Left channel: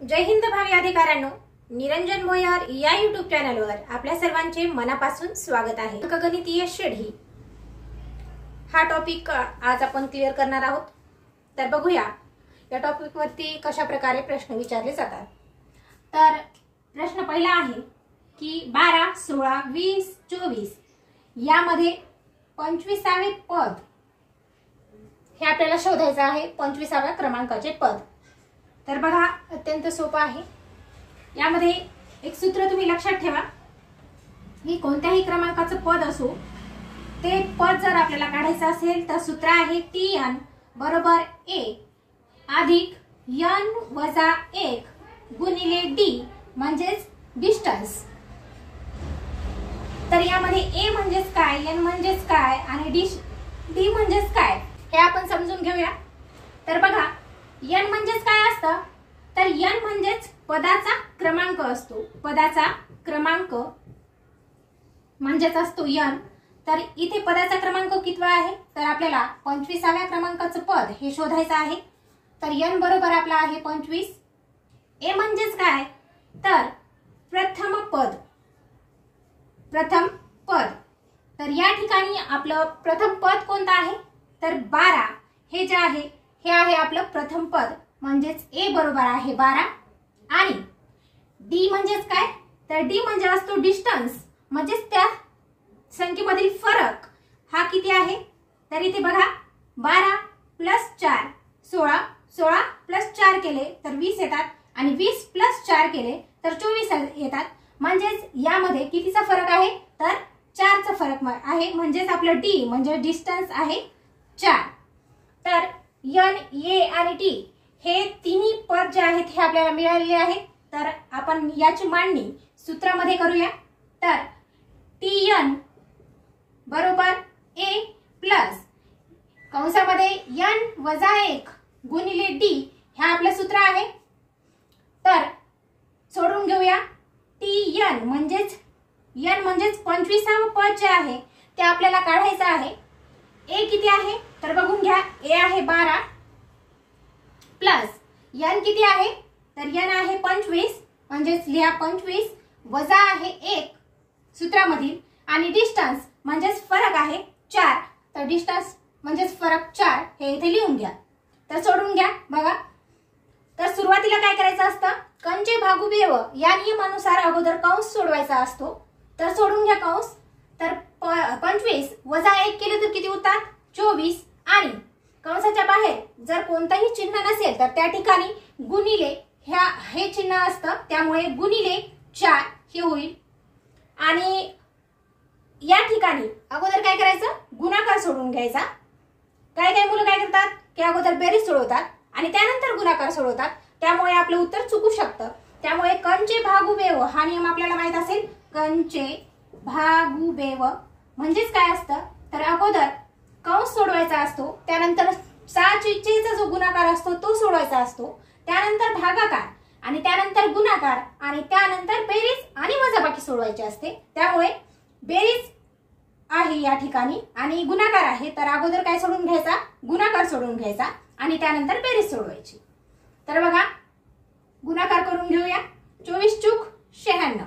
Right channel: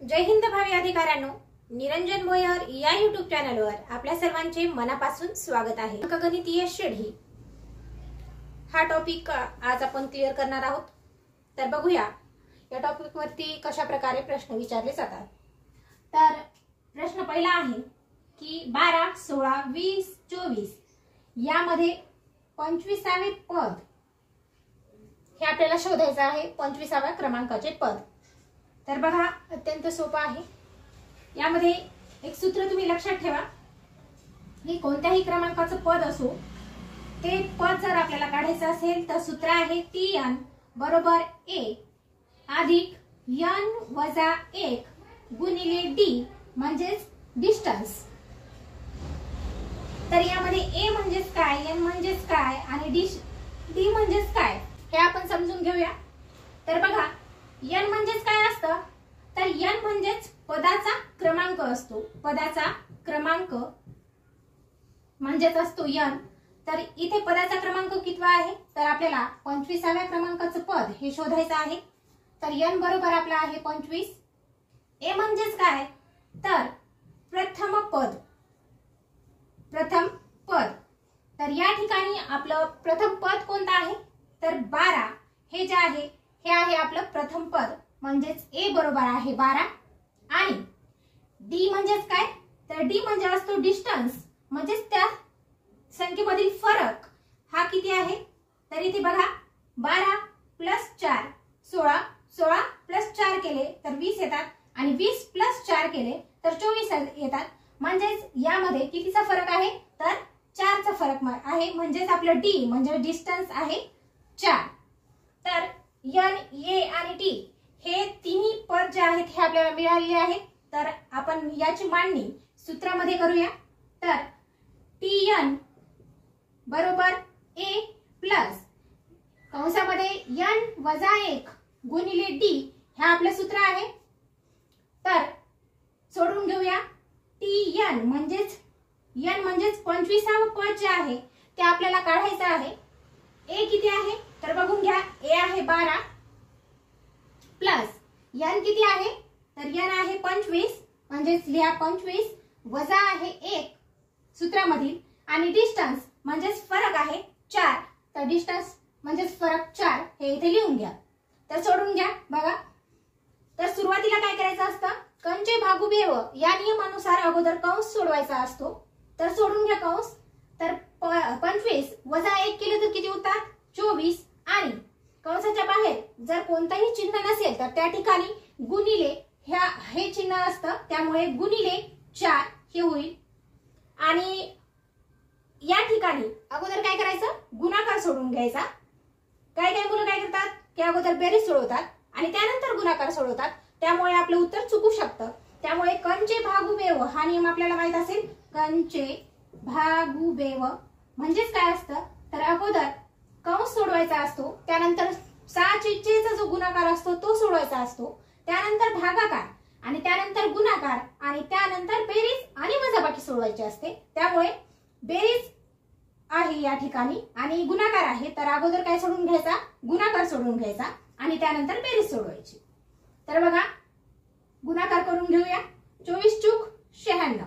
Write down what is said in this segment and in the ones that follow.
जय हिंद भावी अधिकाऱ्यांनो, निरंजन भोयर या YouTube चॅनलवर आपल्या सर्वांचे मनापासून स्वागत आहे। अंकगणितीय श्रेणी हा टॉपिक आज आपण क्लिअर करणार आहोत। तर बघूया या टॉपिक वरती कशा प्रकारे प्रश्न विचारले जातात। तर प्रश्न पहिला आहे की 12, 16, 20, 24 यामध्ये 25वे पद हे आपल्याला शोधायचे आहे। 25व्या क्रमांकाचे पद। तर बघा अत्यंत सोपं आहे। यामध्ये एक सूत्र तुम्ही लक्षात ठेवा की कोणत्याही क्रमांकाचं पद असो ते पद जर आपल्याला काढायचं असेल तर सूत्र आहे tn बरोबर a अधिक n वजा 1 गुणिले d म्हणजेच डिस्टन्स। तर यामध्ये a म्हणजेच काय, n म्हणजेच काय आणि d म्हणजेच काय हे आपण समजून घेऊया। तर बघा n म्हणजेच काय असतं, तर n म्हणजेच पदाचा क्रमांक असतो। पदाचा क्रमांक म्हणजेच असतो n। तर इथे पदाचा क्रमांक कितवा आहे, तर आपल्याला 25व्या क्रमांकाचं पद हे शोधायचं आहे। तर n बरोबर आपला आहे 25। a म्हणजेच काय, तर प्रथम पद। प्रथम पद। तर या ठिकाणी आपलं प्रथम पद कोणतं आहे, तर 12 हे जे आहे हे आहे आपलं प्रथम पद म्हणजेच a बरोबर आहे 12। आणि d म्हणजेच काय, तर d म्हणजे असतो डिस्टन्स म्हणजेच त्या संख्येमधील फरक हा किती आहे। तर इथे बघा 12 प्लस 4 16, 16 प्लस 4 केले तर 20 येतात आणि 20 प्लस 4 केले तर 24 येतात। म्हणजेच यामध्ये कितीचा फरक आहे, तर 4 चा फरक आहे। म्हणजेच आपलं d म्हणजे डिस्टन्स आहे 4। तर n, a आणि t हे तिन्ही पद जे आहेत हे आपल्याला मिळालेले आहे। तर आपण याची मांडणी सूत्रामध्ये करूया। तर tn बरोबर a प्लस कंसामध्ये n वजा 1 गुणिले d हे आपलं सूत्र आहे। तर सोडून घेऊया tn म्हणजेच n म्हणजेच 25वे पद जे आहे ते आपल्याला काढायचं आहे। a किती आहे, तर बघून घ्या a आहे 12 प्लस n किती आहे, तर n आहे 25 म्हणजेच लिहा 25 वजा आहे 1 सूत्रामधील आणि डिस्टन्स म्हणजेच फरक आहे 4। तर डिस्टन्स म्हणजेच फरक 4 हे इथे लिहून घ्या। तर सोडून घ्या बघा। तर सुरुवातीला काय करायचं असतं, कंचे भागुबेव या नियमानुसार अगोदर कंस सोडवायचा असतो। तर सोडून घ्या कंस। तर 25 वजा 1 केले तर किती होतात 24 आणि कंसाच्या बाहेर जर कोणताही चिन्ह नसेल तर त्या ठिकाणी गुणिले हे चिन्ह असतं, त्यामुळे गुणिले 4 हे होईल। आणि या ठिकाणी अगोदर काय करायचं, गुणाकार सोडून घ्यायचा। काही मुलं काय करतात की अगोदर बेरीज सोडवतात आणि त्यानंतर गुणाकार सोडवतात, त्यामुळे आपलं उत्तर चुकू शकतं। त्यामुळे कंचे भागुबेव हा नियम आपल्याला माहित असेल। कंचे भागुबेव म्हणजेच काय असतं, तर अगोदर कंस सोडवायचा असतो, त्यानंतर 6चा जो गुणाकार असतो तो सोडवायचा असतो, त्यानंतर भागाकार आणि त्यानंतर गुणाकार आणि त्यानंतर बेरीज आणि वजाबाकी सोडवायची असते। त्यामुळे बेरीज आहे या ठिकाणी आणि गुणाकार आहे, तर अगोदर काय सोडून घ्यायचा, गुणाकार सोडून घ्यायचा आणि त्यानंतर बेरीज सोडवायची। तर बघा गुणाकार करून घेऊया। 24 चूक 96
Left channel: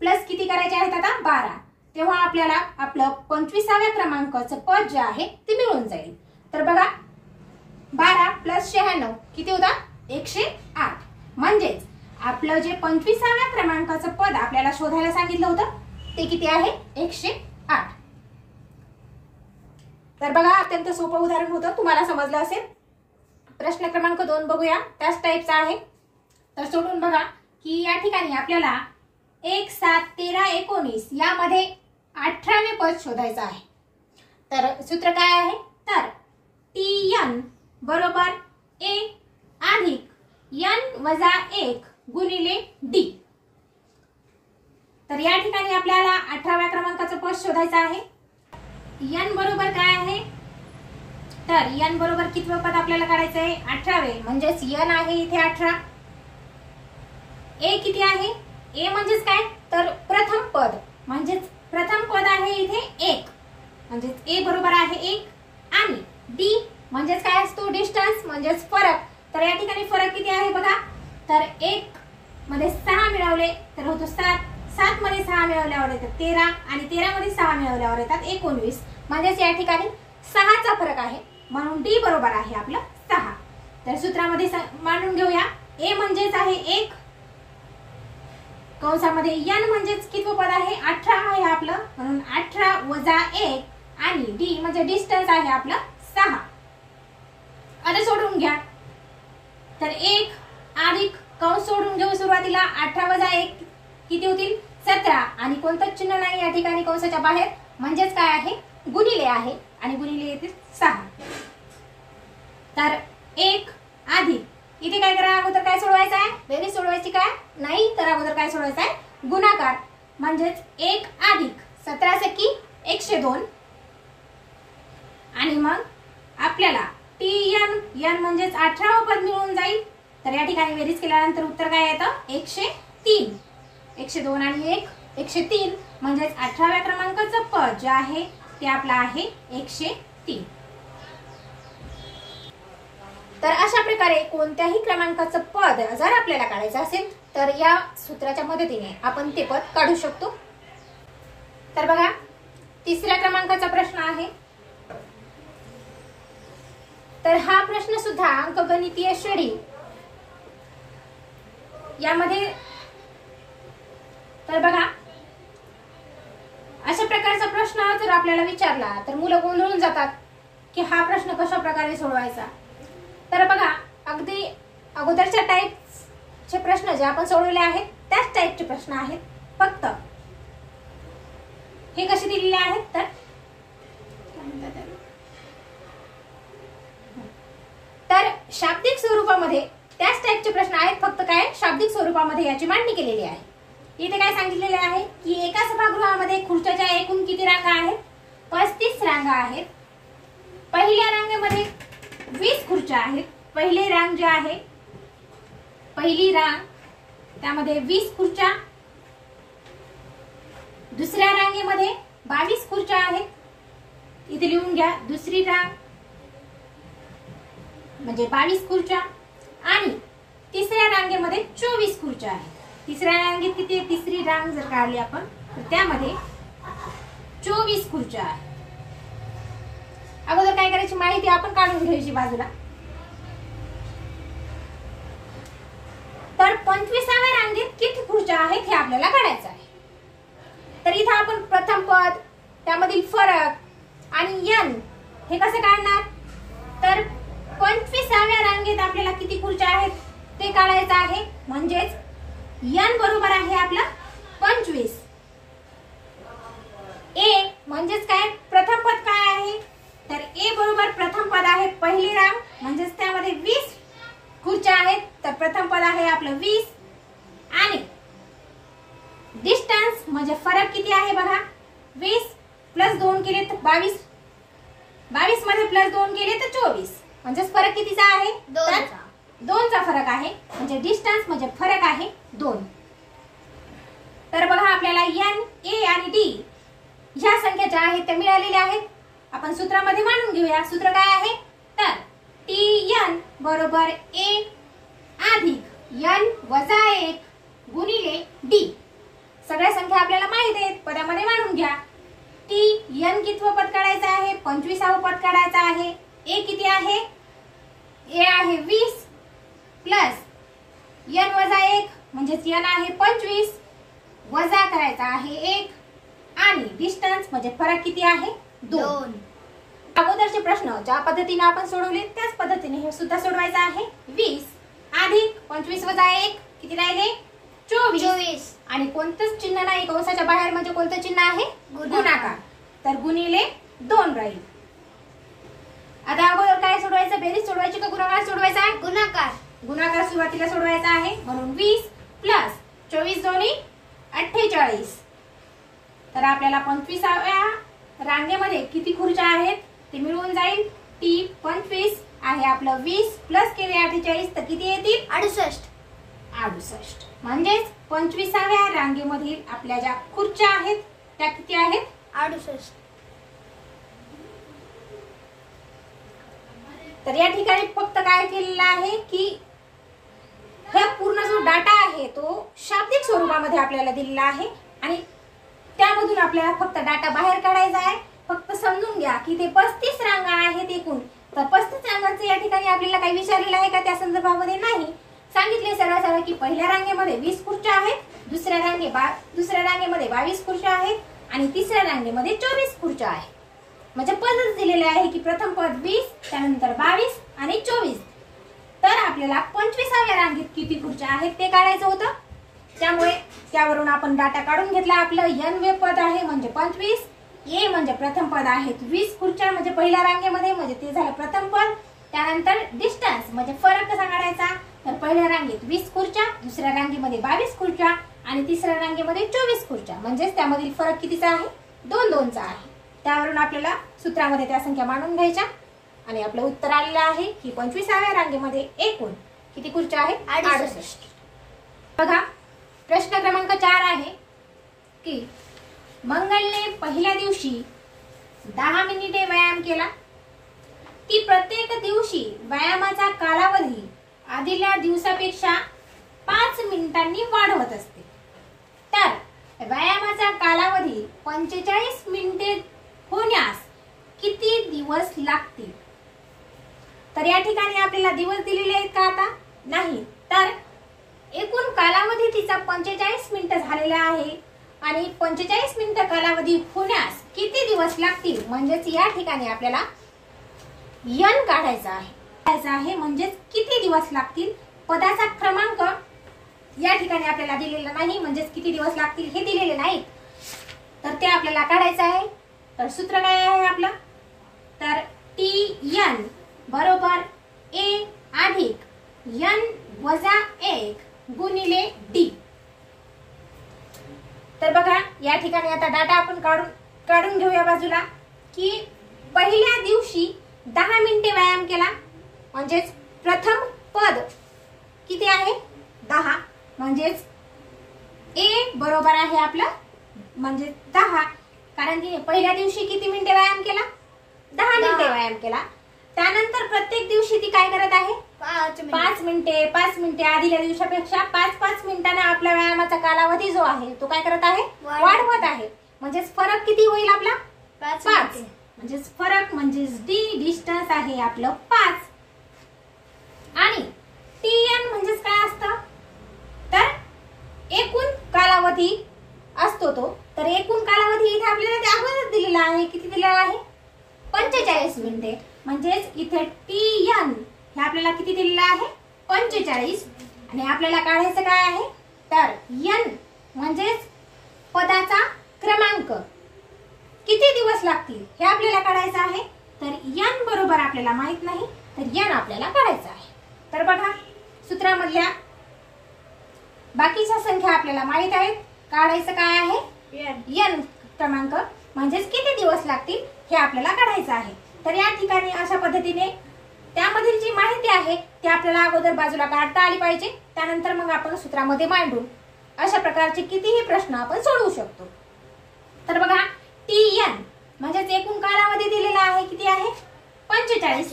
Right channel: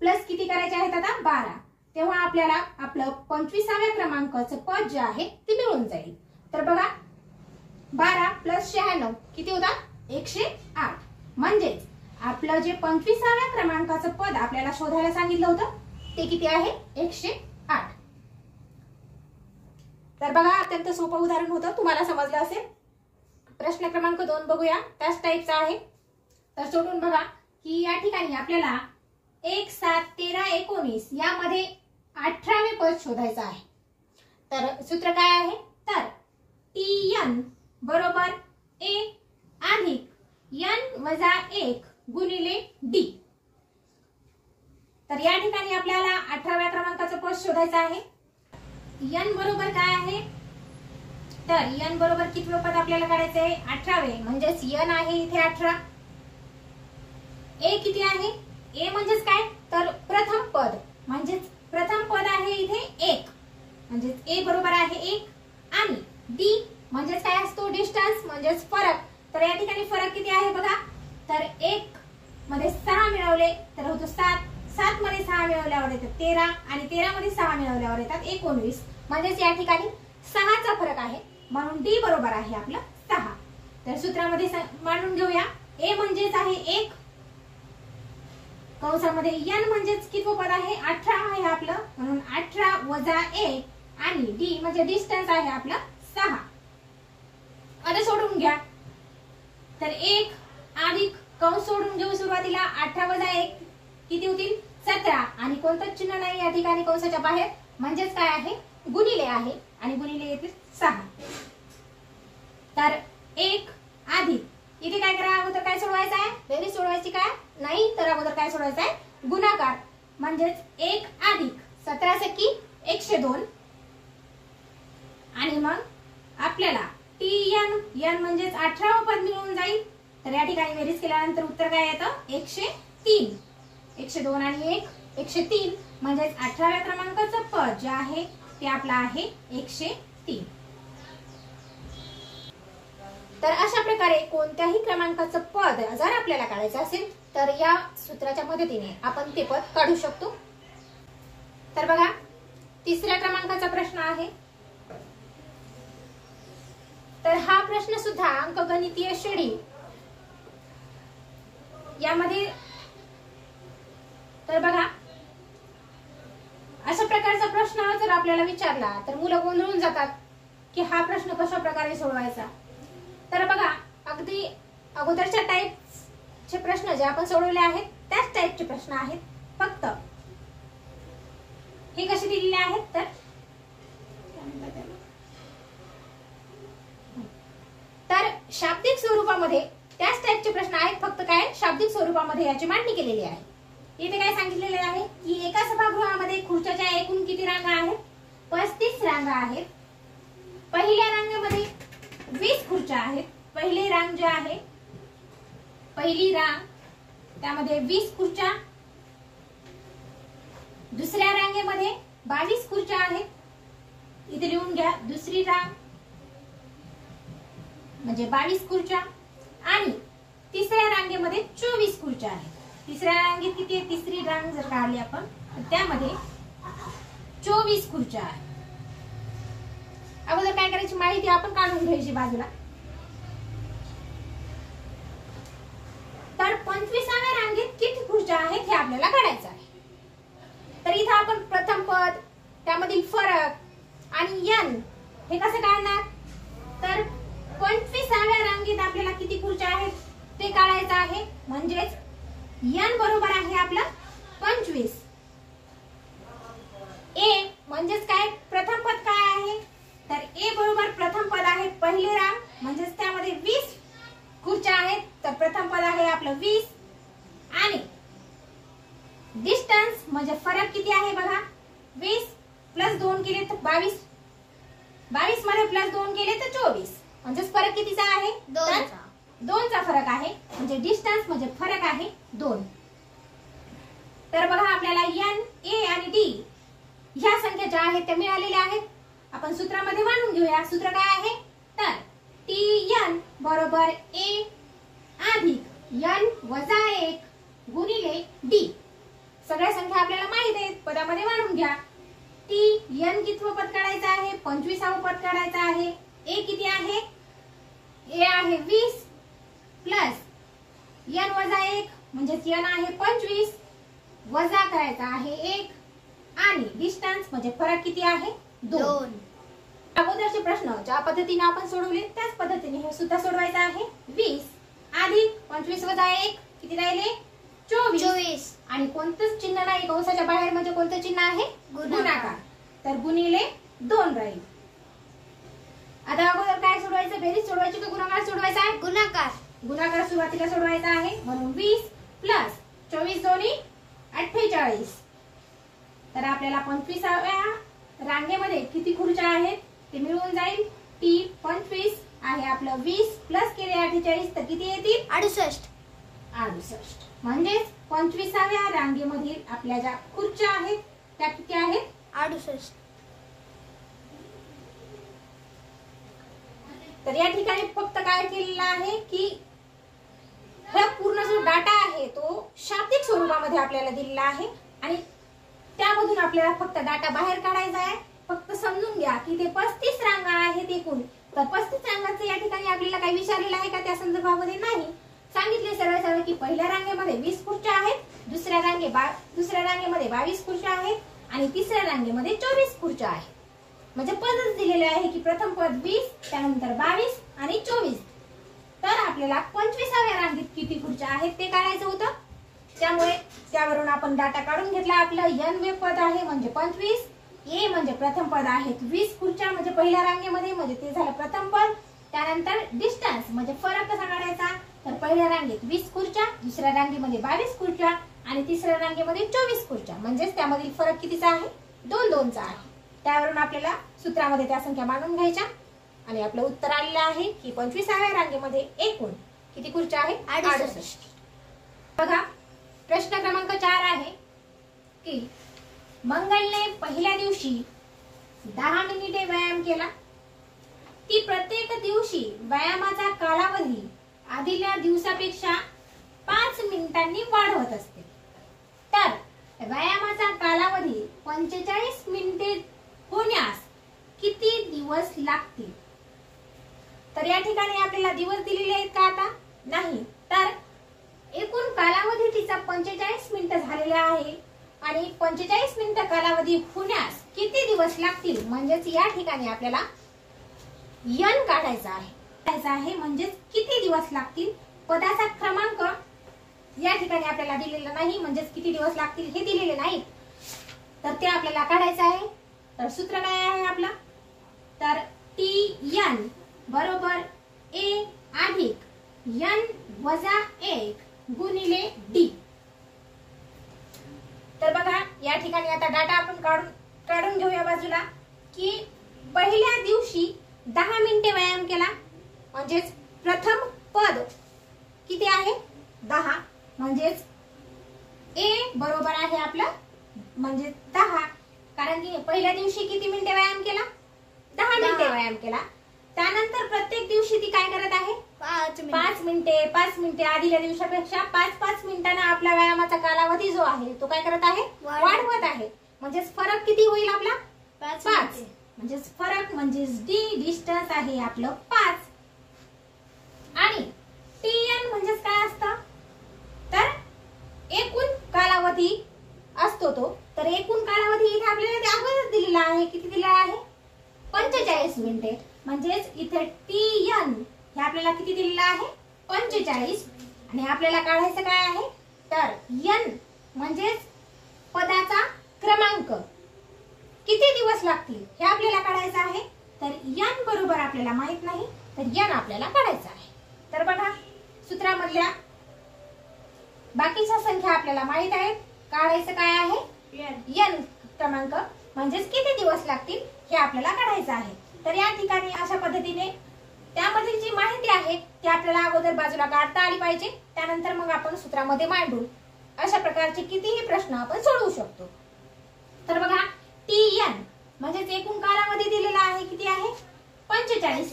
प्लस किती करायचे आहेत आता 12, तेव्हा आपल्याला आपलं 25व्या क्रमांकाचं पद जे आहे ते मिळून जाईल। तर बघा 12 प्लस 96 किती होता 108। म्हणजेच आपलं जे 25व्या क्रमांकाचं पद आपल्याला शोधायला सांगितलं होतं ते किती आहे 108। तर बघा अत्यंत सोपं उदाहरण होतं, तुम्हाला समजलं असेल। प्रश्न क्रमांक 2 बघूया, त्याच टाईपचा आहे। तर सोडून बघा की या ठिकाणी आपल्याला 1, 7, 13, 19 यामध्ये 18वे पद शोधायचं आहे। तर सूत्र काय आहे, तर tn बरोबर a अधिक n वजा 1 गुणिले d। तर या ठिकाणी आपल्याला 18व्या क्रमांकाचं पद शोधायचं आहे। n बरोबर काय आहे, तर n बरोबर कितवं पद आपल्याला काढायचं आहे 18वे, म्हणजेच n आहे इथे 18। a किती आहे, a म्हणजेच काय, तर प्रथम पद म्हणजेच प्रथम पद आहे इथे 1 म्हणजेच a बरोबर आहे 1 आणि d म्हणजेच काय असतो डिस्टन्स म्हणजेच फरक। तर या ठिकाणी फरक किती आहे बघा तर 1 मध्ये 6 मिळवले तर होतो 7, 7 मध्ये 6 मिळवल्यावर येतात 13 आणि 13 मध्ये 6 मिळवल्यावर येतात 19. म्हणजेच या ठिकाणी 6चा फरक आहे, म्हणून डी बरोबर आहे आपलं 6. तर सूत्रामध्ये मांडून घेऊया. ए म्हणजेच आहे 1, कंसामध्ये n म्हणजेच कितवं पद आहे 18 आहे आपलं, म्हणून 18 वजा 1 आणि डी म्हणजे डिस्टन्स आहे आपलं 6. आता सोडून घ्या. तर 1 अधिक कंस सोडून घेऊ सुरुवातीला 18 वजा 1 किती होतील 17 आणि कोणतंच चिन्ह नाही या ठिकाणी कंसाच्या बाहेर, म्हणजेच काय आहे गुणिले आहे आणि गुणिले येतील 6. तर 1 अधिक इथे काय करा, अगोदर काय सोडवायचं आहे बेरीज सोडवायची काय नाही, तर अगोदर काय सोडवायचं आहे गुणाकार. म्हणजेच 1 अधिक 17 सेकी 102 आणि मग आपल्याला n म्हणजेच 18 पद मिळून जाईल. तर या ठिकाणी बेरीज केल्यानंतर उत्तर काय येतं 103. 102 आणि 1 103 म्हणजेच 18व्या क्रमांकाचं पद जे आहे ते आपलं आहे 103. तर अशा प्रकारे कोणत्याही क्रमांकाचं पद जर आपल्याला काढायचं असेल तर या सूत्राच्या मदतीने आपण ते पद काढू शकतो. तर बघा, तिसऱ्या क्रमांकाचा प्रश्न आहे. तर हा प्रश्न सुद्धा अंकगणितीय श्रेणी यामध्ये. तर बघा, अशा प्रकारचा प्रश्न जर आपल्याला विचारला तर मुलं गोंधळून जातात की हा प्रश्न कशा प्रकारे सोडवायचा. तर बघा, अगदी अगोदरच्या टाईपचे प्रश्न जे आपण सोडवले आहेत त्याच टाईपचे प्रश्न आहेत, फक्त हे कसे दिलेले आहेत तर शाब्दिक स्वरूपामध्ये त्याच टाईपचे प्रश्न आहेत, फक्त काय शाब्दिक स्वरूपामध्ये याची मांडणी केलेली आहे. इथे काय सांगितलेले आहे की एका सभागृहामध्ये खुर्च्याच्या एकूण किती रांगा आहेत 35 रांगा आहेत. पहिल्या रांगेमध्ये 20 खुर्च्या आहेत. पहिली रांग जी आहे पहिली रांग त्यामध्ये 20 खुर्च्या. दुसऱ्या रांगेमध्ये 22 खुर्च्या आहेत. इथे लिहून घ्या, दुसरी रांग म्हणजे 22 खुर्च्या आणि तिसऱ्या रांगेमध्ये 24 खुर्च्या आहेत. तिसऱ्या रांगेत किती, तिसरी रांग जर काढली आपण तर त्यामध्ये 24 खुर्च्या आहेत. अगोदर काय करायची माहिती आपण काढून घ्यायची बाजूला. तर 25व्या रांगेत किती खुर्च्या आहेत हे आपल्याला काढायचं आहे. तर इथे आपण प्रथम पद त्यामधील फरक आणि n हे कसे काढणार. तर 25व्या रांगेत आपल्याला किती खुर्च्या आहेत ते काढायचं आहे. म्हणजेच n बरोबर आहे आपला 25. a म्हणजेच काय प्रथम पद काय आहे, तर a बरोबर प्रथम पद आहे पहिली रांग, म्हणजेच त्यामध्ये 20 खुर्च्या आहेत. तर प्रथम पद आहे आपलं 20 आणि डिस्टन्स म्हणजे फरक किती आहे बघा, 20 प्लस 2 केले तर 22, 22 मध्ये प्लस 2 केले तर 24, म्हणजेच फरक कितीचा आहे 2चा फरक आहे. म्हणजे डिस्टन्स म्हणजे फरक आहे 2. तर बघा, आपल्याला n, a आणि d ह्या संख्या ज्या आहेत त्या मिळालेल्या आहेत. आपण सूत्रामध्ये मांडून घेऊया. सूत्र काय आहे, तर tn बरोबर a अधिक n वजा 1 गुणिले d. सगळ्या संख्या आपल्याला माहित आहेत, पदामध्ये मांडून घ्या. tn कितवं पद काढायचं आहे 25वं पद काढायचं आहे. a किती आहे, a आहे 20 प्लस n वजा 1 म्हणजेच n आहे 25 वजा करायचा आहे 1 आणि डिस्टन्स म्हणजे फरक किती आहे 2. अगोदरचे प्रश्न ज्या पद्धतीने आपण सोडवले त्याच पद्धतीने हे सुद्धा सोडवायचं आहे. 20 अधिक 25 वजा 1 किती राहिले 24 आणि कोणतंच चिन्ह नाही कंसाच्या बाहेर, म्हणजे कोणतं चिन्ह आहे गुणाकार. तर गुणिले 2 राहील. आता अगोदर काय सोडवायचं, बेरीज सोडवायची का गुणाकार सोडवायचा आहे, गुणाकार. गुणाकार सुरुवातीला सोडवायचा आहे, म्हणून 20 प्लस 24 दोन्ही 48. तर आपल्याला 25व्या रांगेमध्ये किती खुर्च्या आहेत ते मिळून जाईल. टी 25 आहे आपलं 20 प्लस केले 48 तर किती येतील 68. म्हणजेच 25व्या रांगेमधील आपल्या ज्या खुर्च्या आहेत त्या किती आहेत 68. तर या ठिकाणी फक्त काय केलेलं आहे की हे पूर्ण डाटा आहे तो शाब्दिक स्वरूपामध्ये आपल्याला दिलेला आहे आणि त्यामधून आपल्याला फक्त डाटा बाहेर काढायचा आहे. फक्त समजून घ्या की ते 35 रांगा आहेत एकूण. तर 35 रांगांचं या ठिकाणी आपल्याला काही विचारलेलं आहे का त्या संदर्भामध्ये नाही. सांगितले सरळ सरळ की पहिल्या रांगेमध्ये 20 खुर्च्या आहेत, दुसऱ्या रांगेमध्ये 22 खुर्च्या आहेत आणि तिसऱ्या रांगेमध्ये 24 खुर्च्या आहेत. म्हणजे पदच दिलेले आहे की प्रथम पद 20, त्यानंतर 22 आणि 24. तर आपल्याला 25व्या रांगेत किती खुर्च्या आहेत ते काढायचं होतं. त्यामुळे त्यावरून आपण डाटा काढून घेतला. आपलं n वे पद आहे म्हणजे 25, ए म्हणजे प्रथम पद आहेत 20 खुर्च्या म्हणजे पहिल्या रांगेमध्ये, म्हणजे ते झालं प्रथम पद. त्यानंतर डिस्टन्स म्हणजे फरक कसा काढायचा, तर पहिल्या रांगेत 20 खुर्च्या, दुसऱ्या रांगेमध्ये 22 खुर्च्या आणि तिसऱ्या रांगेमध्ये 24 खुर्च्या, म्हणजेच त्यामधील फरक कितीचा आहे, 2-2चा आहे. त्यावरून आपल्याला सूत्रामध्ये त्या संख्या मांडून घ्यायच्या आणि आपलं उत्तर आलेलं आहे की 25व्या रांगेमध्ये एकूण किती खुर्च्या आहेत, 68. बघा प्रश्न क्रमांक 4 आहे की मंगलने पहिल्या दिवशी 10 मिनिटे व्यायाम केला. ती प्रत्येक दिवशी व्यायामाचा कालावधी आधीच्या दिवसापेक्षा 5 मिनिटांनी वाढवत असते. तर व्यायामाचा कालावधी 45 मिनिटे होण्यास किती दिवस लागतील. तर या ठिकाणी आपल्याला दिवस दिलेले आहेत का, आता नाही. तर एकूण कालावधी तिचा 45 मिनिटं झालेला आहे आणि 45 मिनिटं कालावधी होण्यास किती दिवस लागतील, म्हणजेच या ठिकाणी आपल्याला n काढायचा आहे. म्हणजेच किती दिवस लागतील. पदाचा क्रमांक या ठिकाणी आपल्याला दिलेला नाही, म्हणजेच किती दिवस लागतील हे दिलेले नाही, तर ते आपल्याला काढायचं आहे. तर सूत्र काय आहे आपलं, तर Tn बरोबर a अधिक n वजा 1 गुणिले d. तर बघा या ठिकाणी आता डाटा आपण काढून घेऊया बाजूला की पहिल्या दिवशी 10 मिनिटे व्यायाम केला, म्हणजेच प्रथम पद किती आहे 10, म्हणजेच a बरोबर आहे आपलं म्हणजे 10, कारण की पहिल्या दिवशी किती मिनिटे व्यायाम केला, 10 मिनिटे व्यायाम केला. त्यानंतर प्रत्येक दिवशी ती काय करत आहे, 5 मिनिटे आधीच्या दिवसापेक्षा 5-5 मिनिटांना आपला व्यायामाचा कालावधी जो आहे तो काय करत आहे, वाढवत आहे. म्हणजेच फरक किती होईल आपला 5. म्हणजेच फरक म्हणजेच डी डिस्टन्स आहे आपलं 5. आणि Tn म्हणजेच काय असतं, तर एकूण कालावधी असतो तो. तर एकूण कालावधी इथे आपल्याला अगोदर दिलेला आहे, किती दिलेला आहे 45 मिनिटे. म्हणजेच इथे Tn हे आपल्याला किती दिलेलं आहे 45 आणि आपल्याला काढायचं काय आहे, तर n म्हणजेच पदाचा क्रमांक किती दिवस लागतील हे आपल्याला काढायचं आहे. तर n बरोबर आपल्याला माहित नाही, तर n आपल्याला काढायचं आहे. तर बघा सूत्रामधल्या बाकीच्या संख्या आपल्याला माहित आहेत. काढायचं काय आहे n क्रमांक म्हणजेच किती दिवस लागतील हे आपल्याला काढायचं आहे. तर या ठिकाणी अशा पद्धतीने त्यामधील जी माहिती आहे ती आपल्याला अगोदर बाजूला काढता आली पाहिजे. त्यानंतर मग आपण सूत्रामध्ये मांडून अशा प्रकारचे कितीही प्रश्न आपण सोडवू शकतो. तर बघा Tn म्हणजेच एकूण कालावधी दिलेला आहे, किती आहे 45.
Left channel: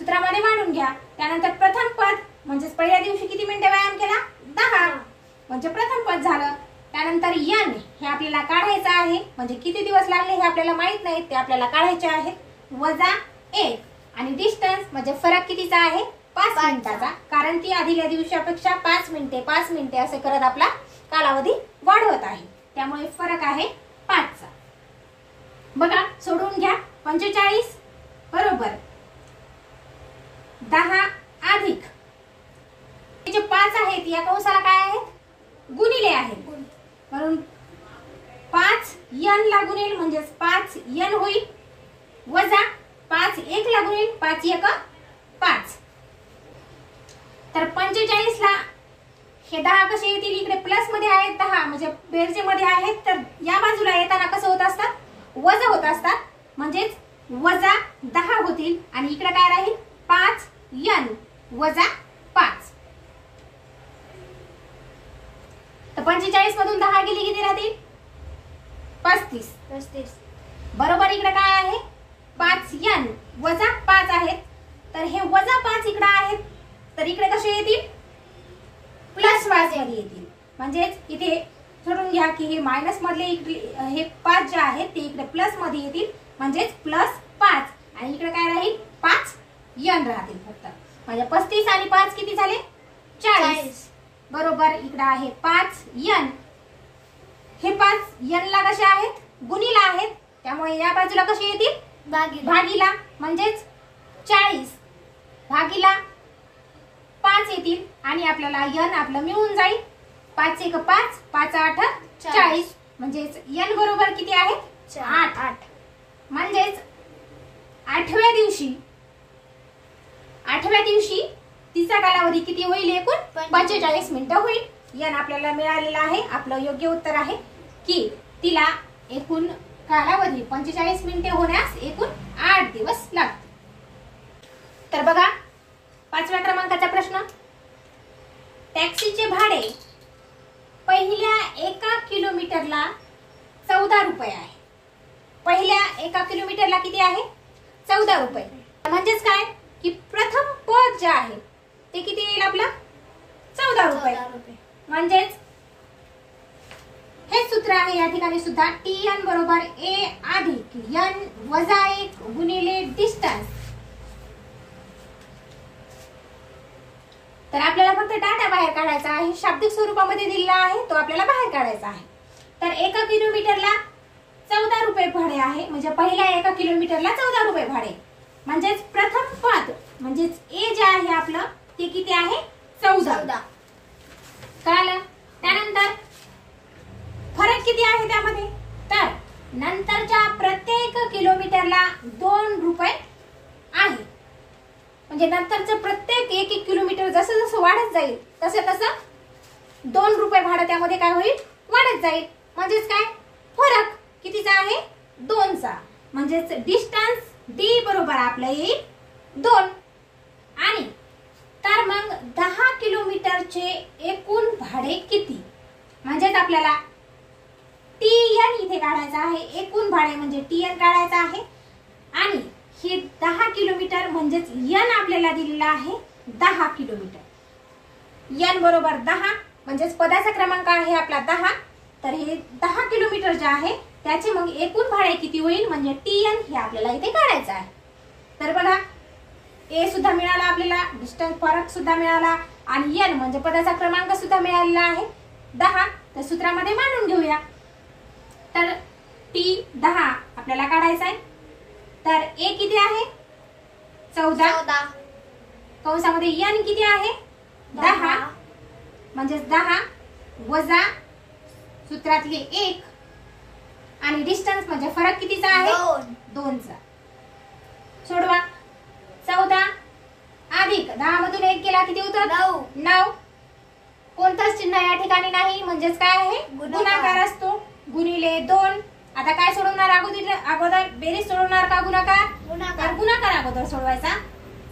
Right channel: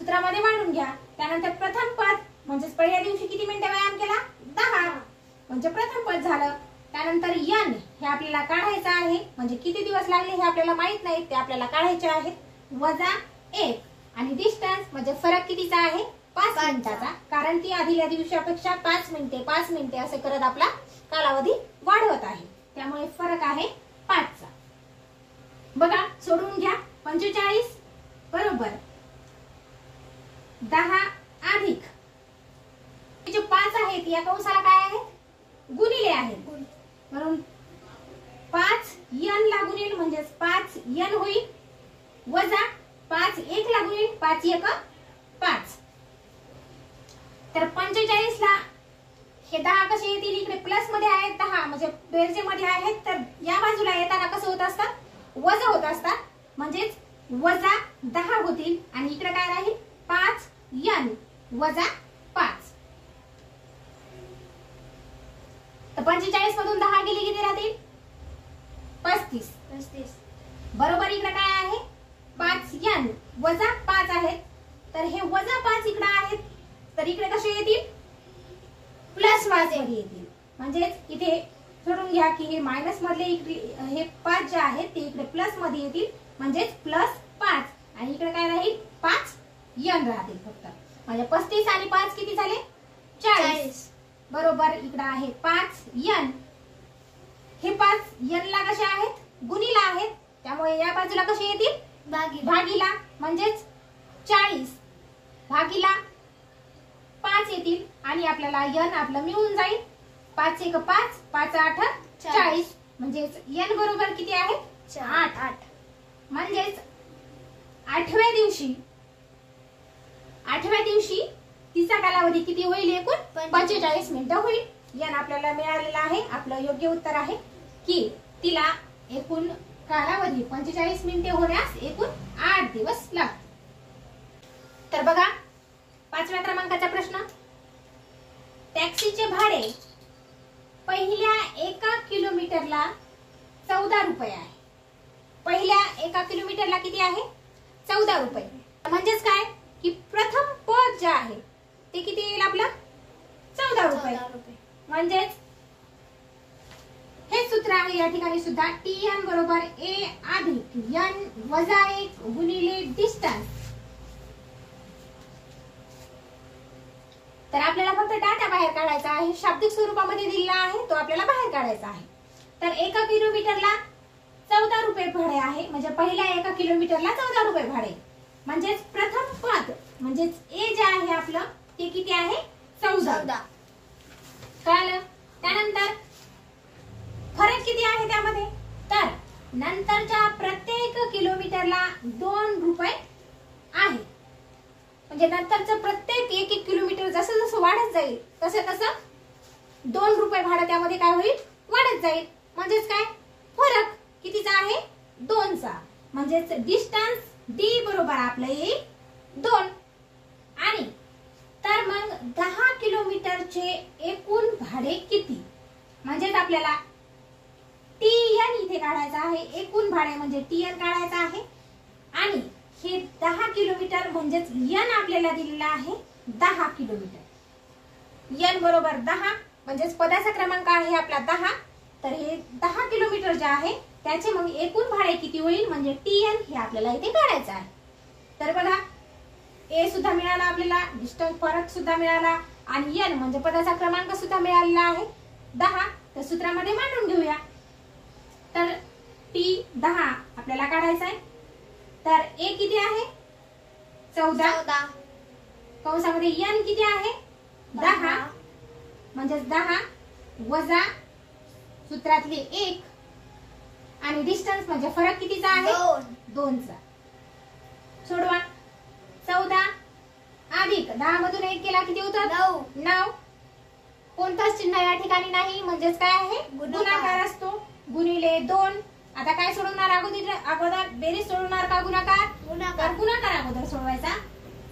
सूत्रामध्ये मांडून घ्या. त्यानंतर प्रथम पद म्हणजेच पहिल्या दिवशी किती मिनिटे व्यायाम केला 10, म्हणजे प्रथम पद झालं. त्यानंतर n हे आपल्याला काढायचं आहे, म्हणजे किती दिवस लागले हे आपल्याला माहित नाही, ते आपल्याला काढायचे आहेत, वजा 1 आणि डिस्टन्स म्हणजे फरक कितीचा आहे 5 मिनिटाचा, कारण ती आधीच्या दिवसापेक्षा 5 मिनिटे असे करत आपला कालावधी वाढवत आहे. त्यामुळे फरक आहे 5चा. बघा सोडवून घ्या. 45 बरोबर 10 अधिक हे जे 5 आहेत या कंसाला काय आहेत गुणिले आहेत, म्हणून 5 n ला गुणेल म्हणजेच 5 n होईल, वजा 5 1 ला गुणेल 5 1 5. तर 45 ला हे 10 कसे येतील, इकडे प्लस मध्ये आहेत 10 म्हणजे बेरजे मध्ये आहेत, तर या बाजूला येताना कसं होत असतात वजा होत असतात, म्हणजेच वजा 10 होतील आणि इकडे काय राहील 5 n वजा 5. तर 45 मधून 10 गेली किती राहतील 35. बरोबर इकडे काय आहे 5 n वजा 5 आहेत, तर हे वजा 5 इकडे आहेत, तर इकडे कसे येतील प्लस 5 मध्ये येतील. म्हणजेच इथे सोडून घ्या की हे मायनस मधले हे 5 जे आहेत ते इकडे प्लस मध्ये येतील, म्हणजेच +5 आणि इकडे काय राहील 5 n राहतील फक्त. म्हणजे 35 आणि 5 किती झाले 40 बरोबर. इकडे आहे 5 n. हे 5 n ला कसे आहेत गुणीला आहेत, त्यामुळे या बाजूला कसे येतील भागीला, म्हणजेच 40 भागीला 5 येतील आणि आपल्याला n आपलं मिळून जाईल. 5 1 5 5 8 40 म्हणजेच n बरोबर किती आहे 8. म्हणजेच आठव्या दिवशी तिचा कालावधी किती होईल एकूण 45 मिनिटं होईल. n आपल्याला मिळालेला आहे. आपलं योग्य उत्तर आहे की तिला एकूण कालावधी 45 मिनिटे होण्यास एकूण 8 दिवस लागतील. तर बघा 5व्या क्रमांकाचा प्रश्न. टॅक्सीचे भाडे पहिल्या 1 किलोमीटरला 14 रुपये आहे. पहिल्या 1 किलोमीटरला किती आहे 14 रुपये. म्हणजेच काय की प्रथम पद जे आहे ते किती येईल आपला 14 रुपये. म्हणजेच हे सूत्र आहे या ठिकाणी सुद्धा TN बरोबर A अधिक N वजा 1 गुणिले डिस्टन्स. तर आपल्याला फक्त डाटा बाहेर काढायचा आहे, शाब्दिक स्वरूपामध्ये दिलेला आहे तो आपल्याला बाहेर काढायचा आहे. तर 1 किलोमीटरला 14 रुपये भाडे आहे, म्हणजे पहिल्या 1 किलोमीटरला 14 रुपये भाडे. म्हणजेच प्रथम पद म्हणजेच ए जे आहे आपलं ते किती आहे 14. कळलं. त्यानंतर फरक किती आहे त्यामध्ये, तर नंतरच्या प्रत्येक किलोमीटरला 2 रुपये आहे. म्हणजे नंतरचं प्रत्येक 1 किलोमीटर जसं जसं वाढत जाईल तसं तसं 2 रुपये भाडं त्यामध्ये काय होईल वाढत जाईल. म्हणजेच काय फरक कितीचा आहे 2चा. म्हणजेच डिस्टन्स D बरोबर आपलं येईल 2. आणि तर मग 10 किलोमीटरचे एकूण भाडे किती. म्हणजेच आपल्याला TN इथे काढायचं आहे. एकूण भाडे म्हणजे TN काढायचं आहे. आणि हे 10 किलोमीटर म्हणजेच n आपल्याला दिलेला आहे 10 किलोमीटर. n बरोबर 10 म्हणजेच पदाचा क्रमांक आहे आपला 10. तर हे 10 किलोमीटर जे आहे त्याचे मग एकूण भाडे किती होईल म्हणजे TN हे आपल्याला इथे काढायचं आहे. तर बघा A सुद्धा मिळाला आपल्याला, डिस्टन्स फरक सुद्धा मिळाला आणि n म्हणजे पदाचा क्रमांक सुद्धा मिळालेला आहे 10. तर सूत्रामध्ये मांडून घेऊया. तर T10 आपल्याला काढायचा आहे. तर A किती आहे 14 कंसामध्ये n किती आहे 10 म्हणजेच 10 वजा सूत्रातले 1 आणि डिस्टन्स म्हणजे फरक कितीचा आहे 2चा. सोडवा. 14 अधिक 10 मधून 1 केला किती होतं 9. कोणताच चिन्ह या ठिकाणी नाही म्हणजेच काय आहे गुणाकार असतो. गुणिले 2. आता काय सोडवणार अगोदर बेरीज सोडवणार का गुणाकार. गुणाकार अगोदर सोडवायचा.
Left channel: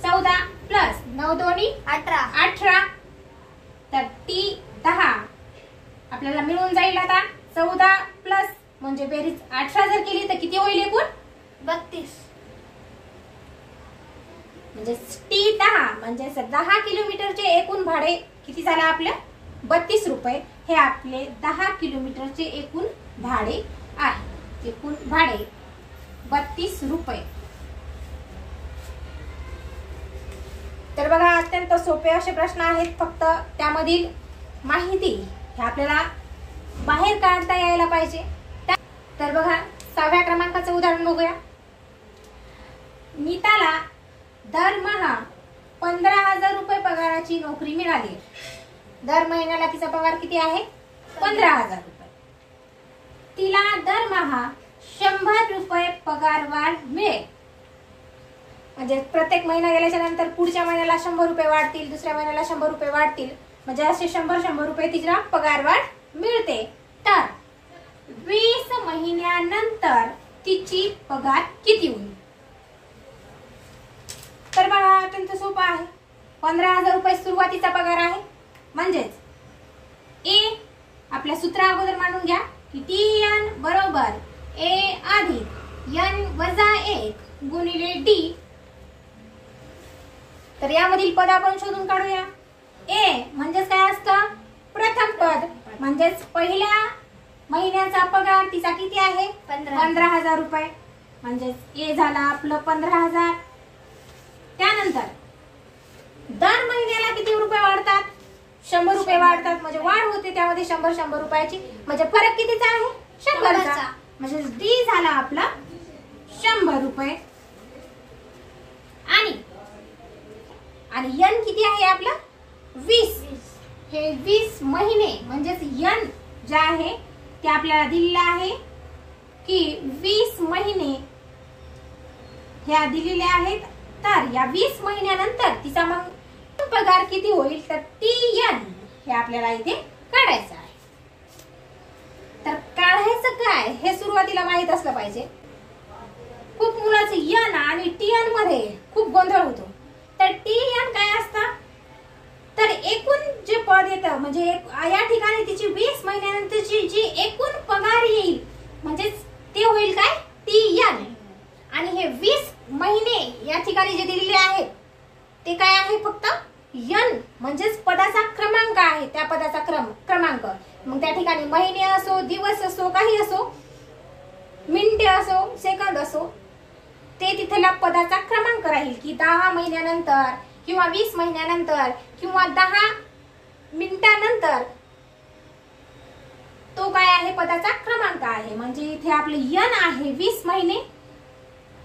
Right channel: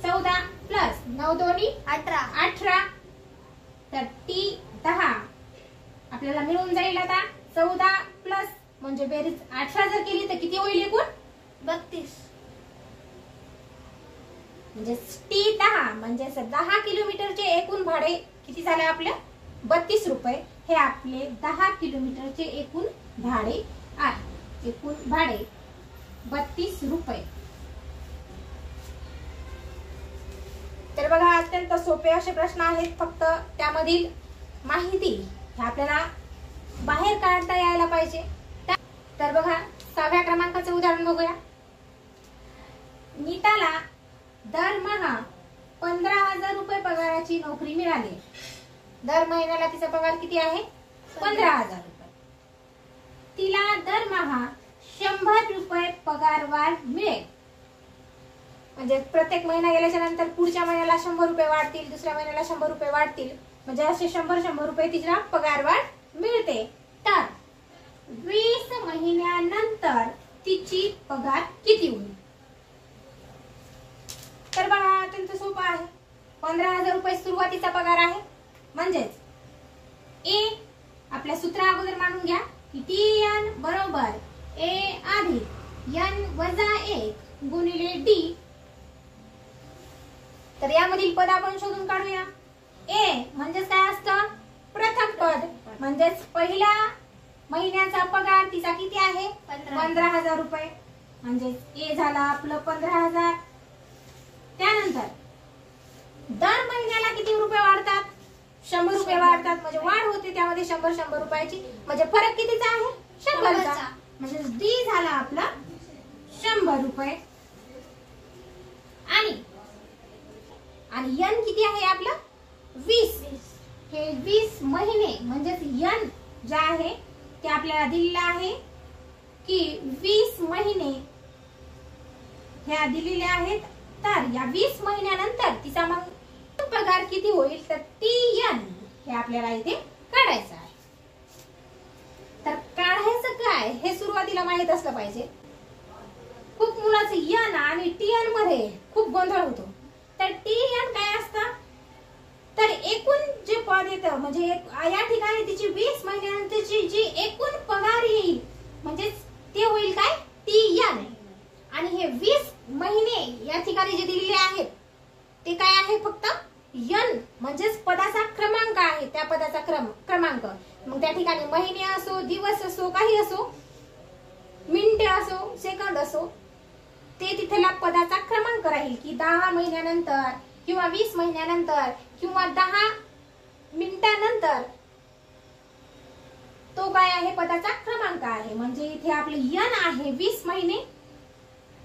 14 प्लस 9 दोन्ही 18. तर T10 आपल्याला मिळून जाईल आता 14 प्लस म्हणजे बेरीज 18 जर केली तर किती होईल एकूण 32. म्हणजे T10 म्हणजे 10 किलोमीटरचे एकूण भाडे किती झालं आपलं 32 रुपये. हे आपले 10 किलोमीटरचे एकूण भाडे आहे. एकूण भाडे 32 रुपये. तर बघा अत्यंत सोपे असे प्रश्न आहेत. फक्त त्यामधील माहिती हे आपल्याला बाहेर काढता यायला पाहिजे. तर बघा 6व्या क्रमांकाचं उदाहरण बघूया. नीताला दरमहा 15,000 रुपये पगाराची नोकरी मिळाली. दर महिन्याला तिचा पगार किती आहे 15,000 रुपये. तिला दरमहा 100 रुपये पगार वाढ मिळेल. म्हणजे प्रत्येक महिना गेल्याच्या नंतर पुढच्या महिन्याला 100 रुपये वाढतील, दुसऱ्या महिन्याला 100 रुपये वाढतील. म्हणजे असे 100 रुपये तिला पगार वाढ मिळते. तर 20 महिन्यानंतर तिची पगार किती होईल. तर बघा अत्यंत सोपं आहे. 15,000 रुपये सुरुवातीचा पगार आहे. म्हणजेच A आपल्या सूत्र अगोदर मानून घ्या की TN बरोबर A अधिक N वजा 1 गुणिले D. तर यामधील पद आपण शोधून काढूया. A म्हणजेच काय असतं पद म्हणजेच पहिल्या महिन्याचा पगार तिचा किती आहे 15,000 रुपये. म्हणजेच ए झाला आपलं 15,000. त्यानंतर दर महिन्याला किती रुपये वाढतात 100 रुपये वाढतात. म्हणजे वाढ होते त्यामध्ये 100 रुपयाची. म्हणजे फरक कितीचा आहे 100चा. म्हणजे डी झाला आपला 100 रुपये. आणि एन किती आहे आपला 20. हे 20 महिने म्हणजेच एन जे आहे ते आपल्याला दिलेलं आहे की 20 महिने ह्या दिलेले आहेत. तर या 20 महिन्यानंतर तिचा मग पगार किती होईल तर TN हे आपल्याला इथे काढायचं आहे. तर काढायचं काय हे सुरुवातीला माहित असलं पाहिजे. खूप मुलाचं एन आणि TN मध्ये खूप गोंधळ होतो. तर TN काय असतं तर एकूण जे पद येतं म्हणजे या ठिकाणी तिची 20 महिन्यानंतरची जी एकूण पगार येईल म्हणजे ते होईल काय TN. आणि हे 20 महिने या ठिकाणी जे दिलेले आहेत ते काय आहे फक्त N म्हणजेच पदाचा क्रमांक आहे. त्या पदाचा क्रमांक. मग त्या ठिकाणी महिने असो दिवस असो काही असो मिनिटे असो सेकंद असो ते तिथला पदाचा क्रमांक राहील की 10 महिन्यानंतर किंवा 20 महिन्यानंतर किंवा 10 मिनिटानंतर तो काय आहे पदाचा क्रमांक आहे. म्हणजे इथे आपले N आहे 20 महिने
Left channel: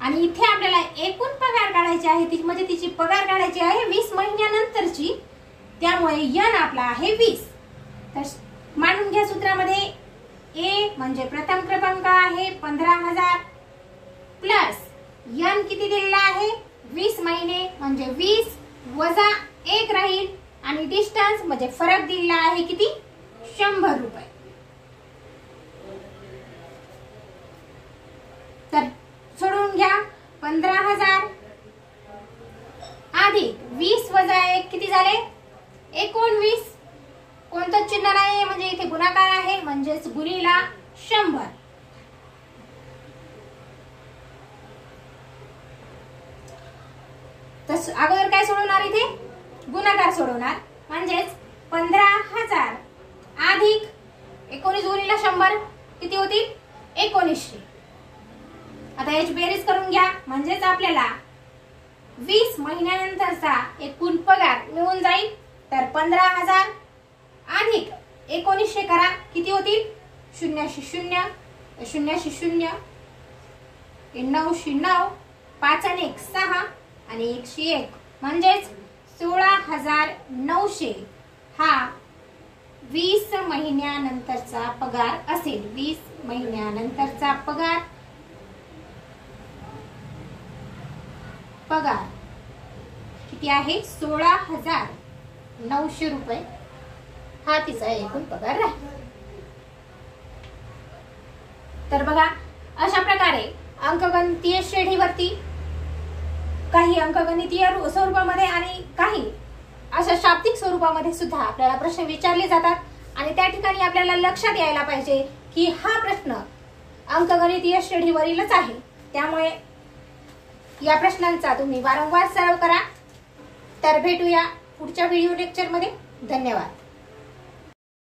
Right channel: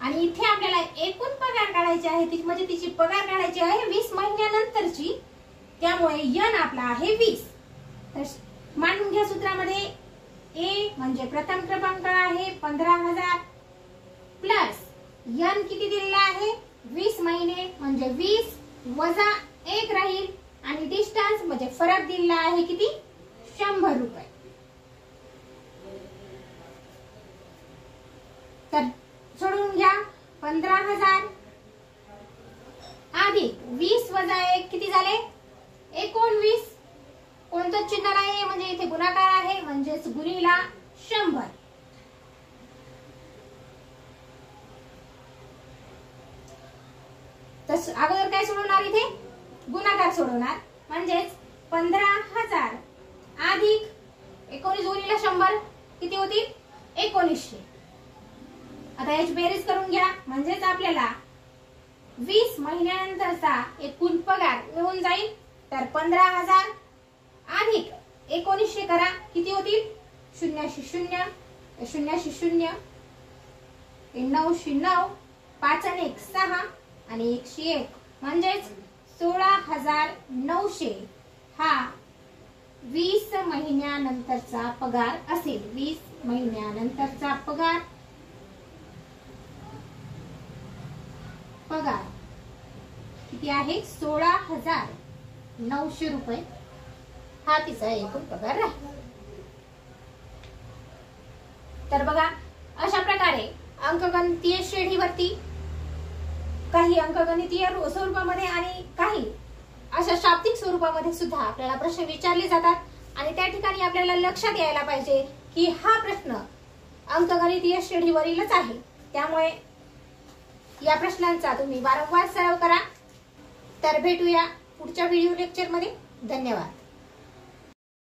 आणि इथे आपल्याला एकूण पगार काढायची आहे ती म्हणजे तिची पगार काढायची आहे 20 महिन्यानंतरची. त्यामुळे N आपला आहे 20. तर मानून घ्या सूत्रामध्ये ए म्हणजे प्रथम क्रमांक आहे 15,000 प्लस N किती दिलेला आहे 20 महिने म्हणजे 20 वजा 1 राहील आणि डिस्टन्स म्हणजे फरक दिलेला आहे किती 100 रुपये. तर सोडून घ्या 15,000 अधिक 20 वजा 1 किती झाले 19. कोणतं चिन्ह नाही म्हणजे इथे गुणाकार आहे म्हणजेच गुणिला 100. तर अगोदर काय सोडवणार इथे गुणाकार सोडवणार म्हणजेच 15,000 अधिक 19 गुणिला 100 किती होतील 1900. आता याची बेरीज करून घ्या म्हणजेच आपल्याला 20 महिन्यानंतरचा एकूण पगार मिळून जाईल. तर 15,000 अधिक 1900 करा किती होतील 0 0 0 0 9 9 5 आणि 1 6 आणि 101 म्हणजेच 16,900 हा 20 महिन्यानंतरचा पगार असेल. 20 महिन्यानंतरचा पगार किती आहे 16,900 रुपये हा तिचा एकूण पगार आहे. तर बघा अशा प्रकारे अंकगणितीय श्रेणीवरती काही अंकगणितीय स्वरूपामध्ये आणि काही अशा शाब्दिक स्वरूपामध्ये सुद्धा आपल्याला प्रश्न विचारले जातात. आणि त्या ठिकाणी आपल्याला लक्षात यायला पाहिजे की हा प्रश्न अंकगणितीय श्रेणीवरीलच आहे. त्यामुळे या प्रश्नांचा तुम्ही वारंवार सराव करा. तर भेटूया पुढच्या व्हिडिओ लेक्चर मध्ये. धन्यवाद.